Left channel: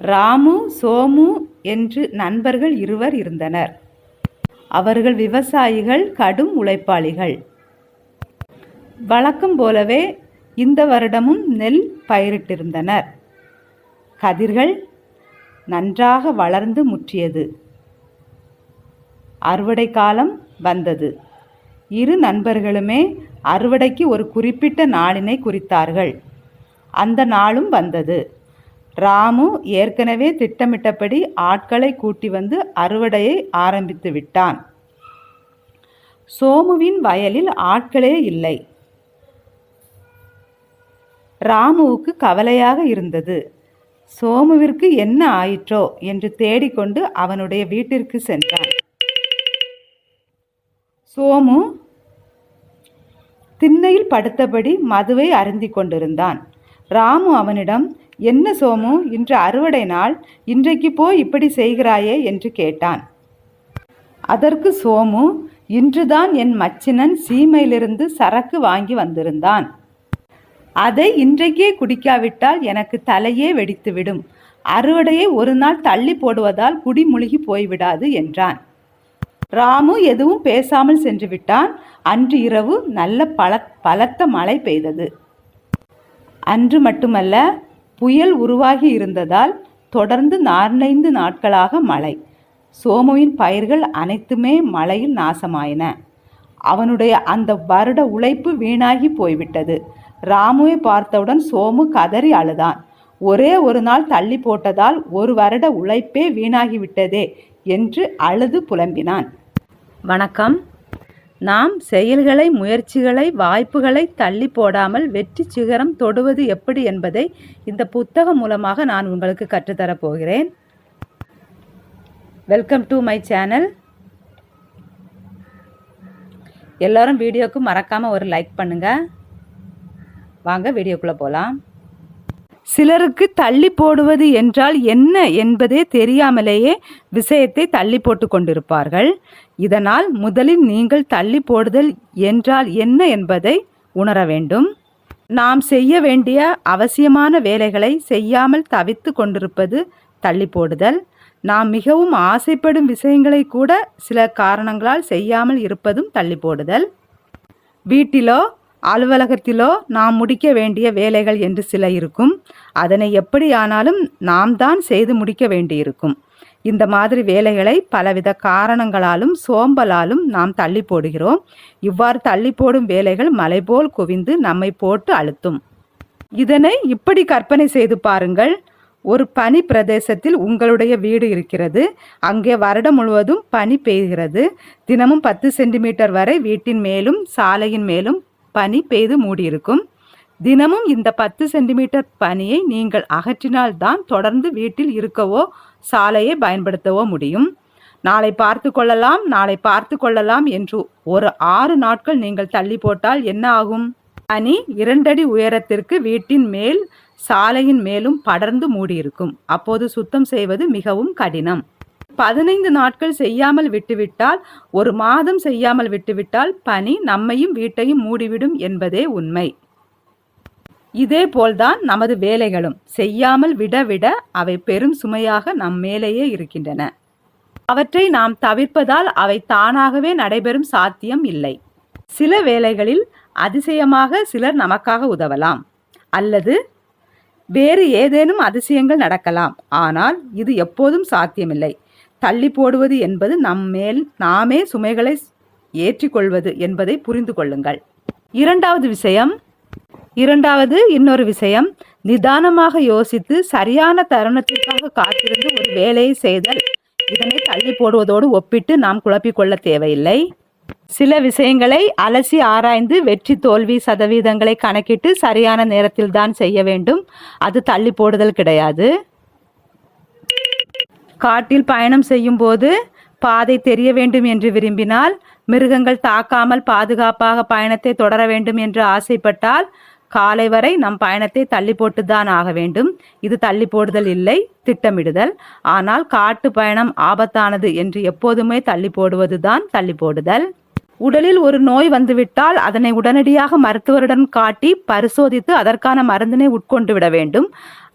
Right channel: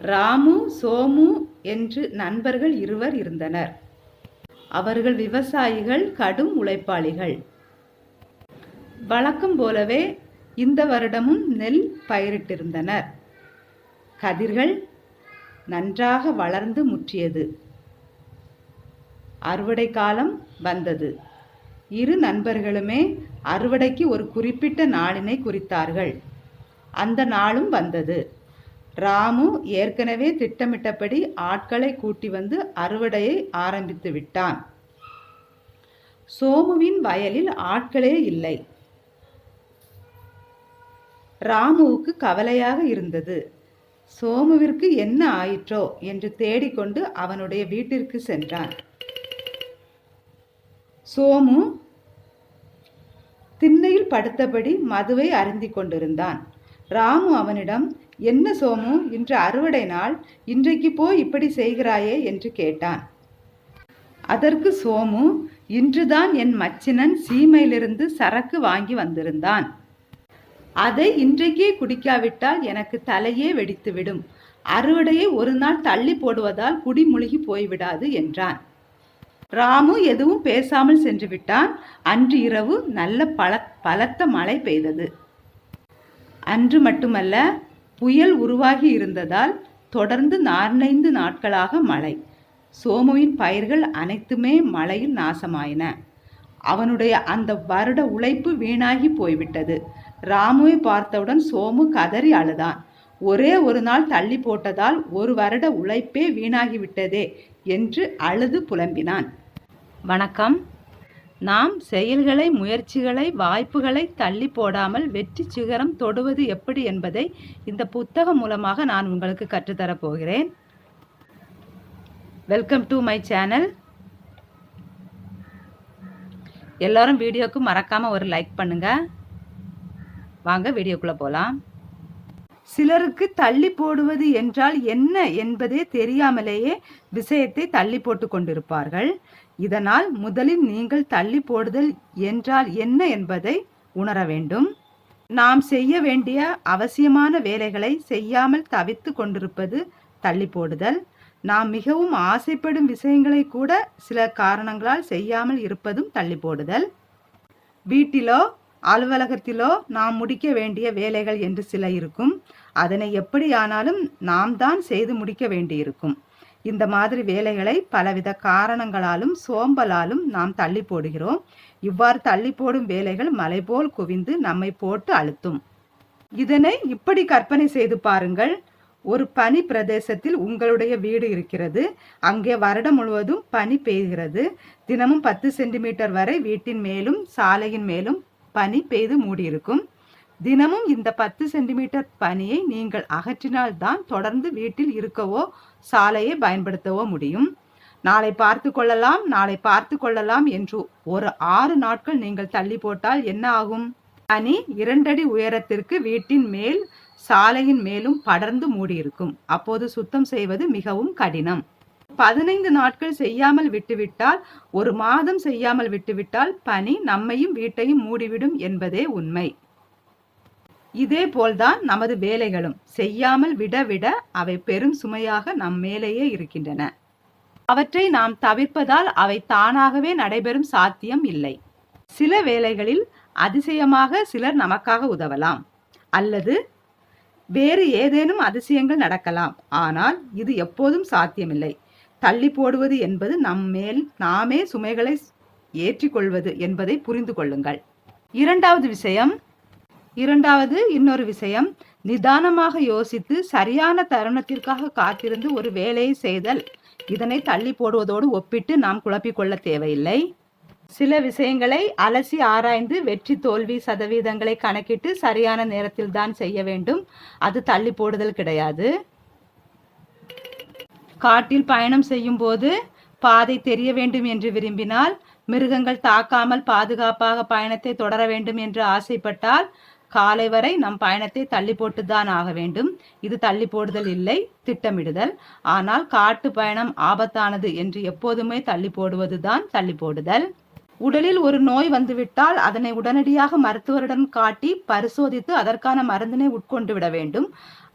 ராமு சோமு என்று நண்பர்கள் இருவர் இருந்தனர். அவர்கள் விவசாயிகள் கடும் உழைப்பாளிகள். வழக்கம் போலவே இந்த வருடமும் நெல் பயிரிட்டிருந்தனர். கதிர்கள் நன்றாக வளர்ந்து முற்றியது. அறுவடை காலம் வந்தது. இரு நண்பர்களுமே அறுவடைக்கு ஒரு குறிப்பிட்ட நாளினை குறித்தார்கள். அந்த நாளும் வந்தது. ராமு ஏற்கனவே திட்டமிட்டபடி ஆட்களை கூட்டி வந்து அறுவடையை ஆரம்பித்து விட்டான். சோமுவின் வயலில் ஆட்களே இல்லை. ராமுவுக்கு கவலையாக இருந்தது. சோமுவிற்கு என்ன ஆயிற்றோ என்று தேடிக்கொண்டு அவனுடைய வீட்டிற்கு சென்றான். சோமு திண்ணையில் படுத்தபடி மதுவை அருந்திக் கொண்டிருந்தான். ராமு அவனிடம் என்ன சோமு இன்று அறுவடை நாள் இன்றைக்கு போய் இப்படி செய்கிறாயே என்று கேட்டான். அதற்கு சோமு இன்றுதான் என் மச்சினன் சீமையிலிருந்து சரக்கு வாங்கி வந்திருந்தான். அதை இன்றைக்கே குடிக்காவிட்டால் எனக்கு தலையே வெடித்துவிடும். அறுவடையை ஒரு நாள் தள்ளி போடுவதால் குடி முழுகி போய்விடாது என்றான். ராமு எதுவும் பேசாமல் சென்று விட்டான். அன்று இரவு நல்ல பல பலத்த மழை பெய்தது. அன்று மட்டுமல்ல புயல் உருவாகி இருந்ததால் தொடர்ந்து நான்கைந்து நாட்களாக மழை. சோமுவின் பயிர்கள் அனைத்துமே மழையில் நாசமாயின. அவனுடைய அந்த வருட உழைப்பு வீணாகி போய்விட்டது. ராமுவை பார்த்தவுடன் சோமு கதறி அழுதான். ஒரே ஒரு நாள் தள்ளி போட்டதால் ஒரு வருட உழைப்பே வீணாகிவிட்டதே என்று அழுது புலம்பினான். வணக்கம். நாம் செயல்களை முயற்சிகளை வாய்ப்புகளை தள்ளி போடாமல் வெற்றி சிகரம் தொடுவது எப்படி என்பதை இந்த புத்தகம் மூலமாக நான் உங்களுக்கு கற்றுத்தரப் போகிறேன். வெல்கம் டு மை சேனல் எல்லோரும் வீடியோக்கு மறக்காமல் ஒரு லைக் பண்ணுங்கள் வாங்க வீடியோக்குள்ளே போகலாம் சிலருக்கு தள்ளி போடுவது என்றால் என்ன என்பதே தெரியாமலேயே விஷயத்தை தள்ளி போட்டு கொண்டிருப்பார்கள். இதனால் முதலில் நீங்கள் தள்ளி போடுதல் என்றால் என்ன என்பதை உணர வேண்டும். நாம் செய்ய வேண்டிய அவசியமான வேலைகளை செய்யாமல் தவித்து கொண்டிருப்பது தள்ளி போடுதல். நாம் மிகவும் ஆசைப்படும் விஷயங்களை கூட சில காரணங்களால் செய்யாமல் இருப்பதும் தள்ளி போடுதல். வீட்டிலோ அலுவலகத்திலோ நாம் முடிக்க வேண்டிய வேலைகள் என்று சில இருக்கும். அதனை எப்படியானாலும் நாம் தான் செய்து முடிக்க வேண்டியிருக்கும். இந்த மாதிரி வேலைகளை பலவித காரணங்களாலும் சோம்பலாலும் நாம் தள்ளி போடுகிறோம். இவ்வாறு தள்ளி போடும் வேலைகள் மலை போல் குவிந்து நம்மை போட்டு அழுத்தும். இதனை இப்படி கற்பனை செய்து பாருங்கள். ஒரு பனி பிரதேசத்தில் உங்களுடைய வீடு இருக்கிறது. அங்கே வருடம் முழுவதும் பனி பெய்கிறது. தினமும் பத்து சென்டிமீட்டர் வரை வீட்டின் மேலும் சாலையின் மேலும் பனி பெய்து மூடியிருக்கும். தினமும் இந்த பத்து சென்டிமீட்டர் பனியை நீங்கள் அகற்றினால்தான் தொடர்ந்து வீட்டில் இருக்கவோ சாலையை பயன்படுத்தவோ முடியும். நாளை பார்த்து கொள்ளலாம் நாளை பார்த்து கொள்ளலாம் என்று ஒரு ஆறு நாட்கள் நீங்கள் தள்ளி போட்டால் என்ன ஆகும்? பனி இரண்டடி உயரத்திற்கு வீட்டின் மேல் சாலையின் மேலும் படர்ந்து மூடியிருக்கும். அப்போது சுத்தம் செய்வது மிகவும் கடினம். பதினைந்து நாட்கள் செய்யாமல் விட்டுவிட்டால் ஒரு மாதம் செய்யாமல் விட்டுவிட்டால் பனி நம்மையும் வீட்டையும் மூடிவிடும் என்பதே உண்மை. இதே போல்தான் நமது வேலைகளும். செய்யாமல் விட விட அவை பெரும் சுமையாக நம் மேலேயே இருக்கின்றன. அவற்றை நாம் தவிர்ப்பதால் அவை தானாகவே நடைபெறும் சாத்தியம் இல்லை. சில வேளைகளில் அதிசயமாக சிலர் நமக்காக உதவலாம். அல்லது வேறு ஏதேனும் அதிசயங்கள் நடக்கலாம். ஆனால் இது எப்போதும் சாத்தியமில்லை. தள்ளி போடுவது என்பது நம் மேல் நாமே சுமைகளை ஏற்றிக்கொள்வது என்பதை புரிந்து கொள்ளுங்கள். இரண்டாவது விஷயம் இரண்டாவது இன்னொரு விஷயம் நிதானமாக யோசித்து சரியான தருணத்திற்காக காத்திருந்து ஒரு வேலையை செய்தல். இதனை தள்ளி போடுவதோடு ஒப்பிட்டு நாம் குழப்பிக்கொள்ள தேவையில்லை. சில விஷயங்களை அலசி ஆராய்ந்து வெற்றி தோல்வி சதவீதங்களை கணக்கிட்டு சரியான நேரத்தில் தான் செய்ய வேண்டும். அது தள்ளி போடுதல் கிடையாது. காட்டில் பயணம் செய்யும் போது பாதை தெரிய வேண்டும் என்று விரும்பினால் மிருகங்கள் தாக்காமல் பாதுகாப்பாக பயணத்தை தொடர வேண்டும் என்று ஆசைப்பட்டால் காலை வரை நம் பயணத்தை தள்ளி போட்டுதான் ஆக வேண்டும். இது தள்ளி போடுதல் இல்லை திட்டமிடுதல். ஆனால் காட்டு பயணம் ஆபத்தானது என்று எப்போதுமே தள்ளி போடுவதுதான் தள்ளி போடுதல். உடலில் ஒரு நோய் வந்துவிட்டால் அதனை உடனடியாக மருத்துவரிடம் காட்டி பரிசோதித்து அதற்கான மருந்தினை உட்கொண்டு விட வேண்டும்.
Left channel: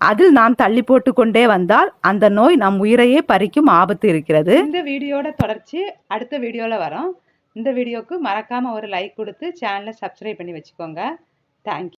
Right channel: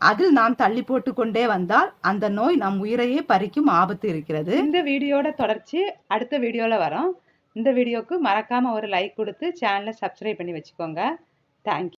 அதில் நாம் தள்ளி போட்டு கொண்டே வந்தால் அந்த நோய் நம் உயிரையே பறிக்கும் ஆபத்து இருக்கிறது. இந்த வீடியோட தொடர்ச்சி அடுத்த வீடியோவில் வரோம். இந்த வீடியோக்கு மறக்காமல் ஒரு லைக் கொடுத்து சேனலை சப்ஸ்கிரைப் பண்ணி வச்சுக்கோங்க. தேங்க்யூ